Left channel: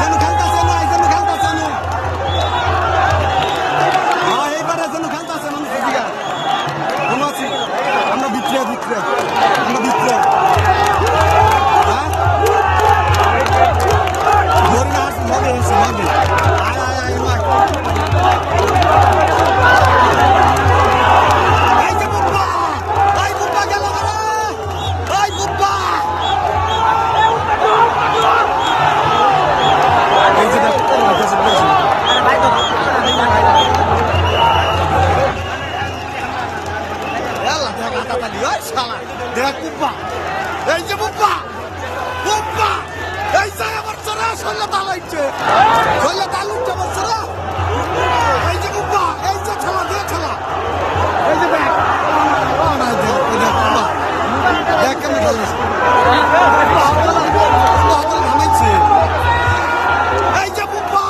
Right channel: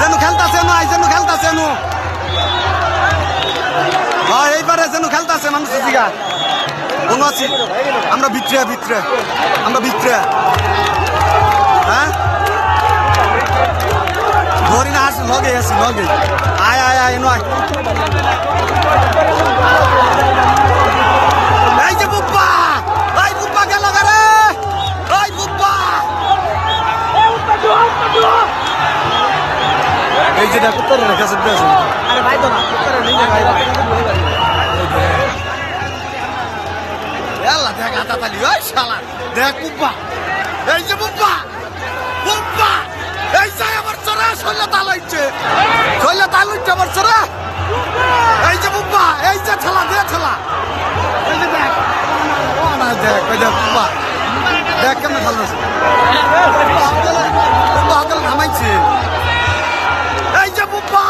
যেন খেলতাছে না যেন খেলতাছে নু হ্যাঁ এইবারে যেন খেলতাছে মানুষ জিগা কোন আছি আমরা ভিতরে ভিতরে আমরা ভিতরে হ্যাঁ ধরি না আসি লগে আছি লগে আয় আয় আয় নয় এই যে বুব্বা এই বুব্বা গেল রে এই বুব্বা এই যে দেখো তোর কাছে আছে এলা দেখ আটা তালি ওই শালা দেখ বুব্বা এই যে বুব্বা বুব্বা এই যে আমার চোরা শৈল তালাইছে আমার চোরা এই যে বুব্বা এই যে ছেলা দে ছেলা এই যে দেখ ও না দেখ ওই যে বুব্বা দেখ কেমন খেলাস বুব্বা নামাইছে এই যে বুব্বা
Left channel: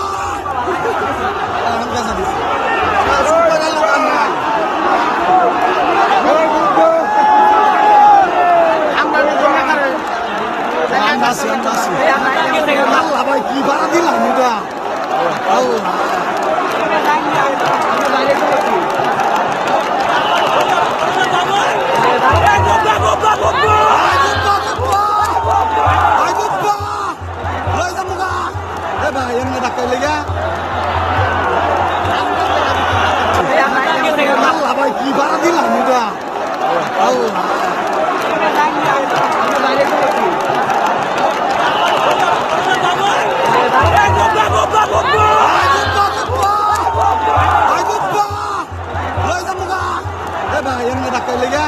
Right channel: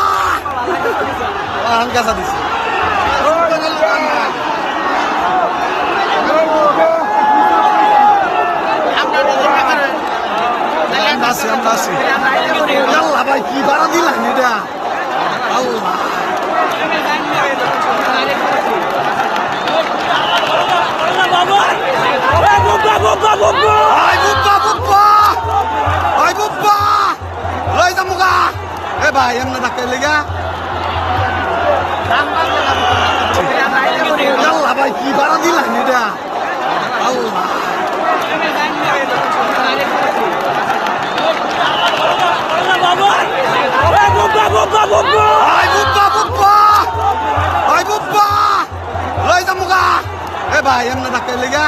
গাছা দিছে আমরা আছি আল্লাহ ভাই কি ভাড়া দিলাম এটা আল্লাহ লই যাম মুগা এ ভাই এমনি ডাক্তার লেগা আল্লাহ ভাই কি ভাড়া দিলাম এটা আল্লাহ লই যাম মুগা এ ভাই এমনি ডাক্তার লেগা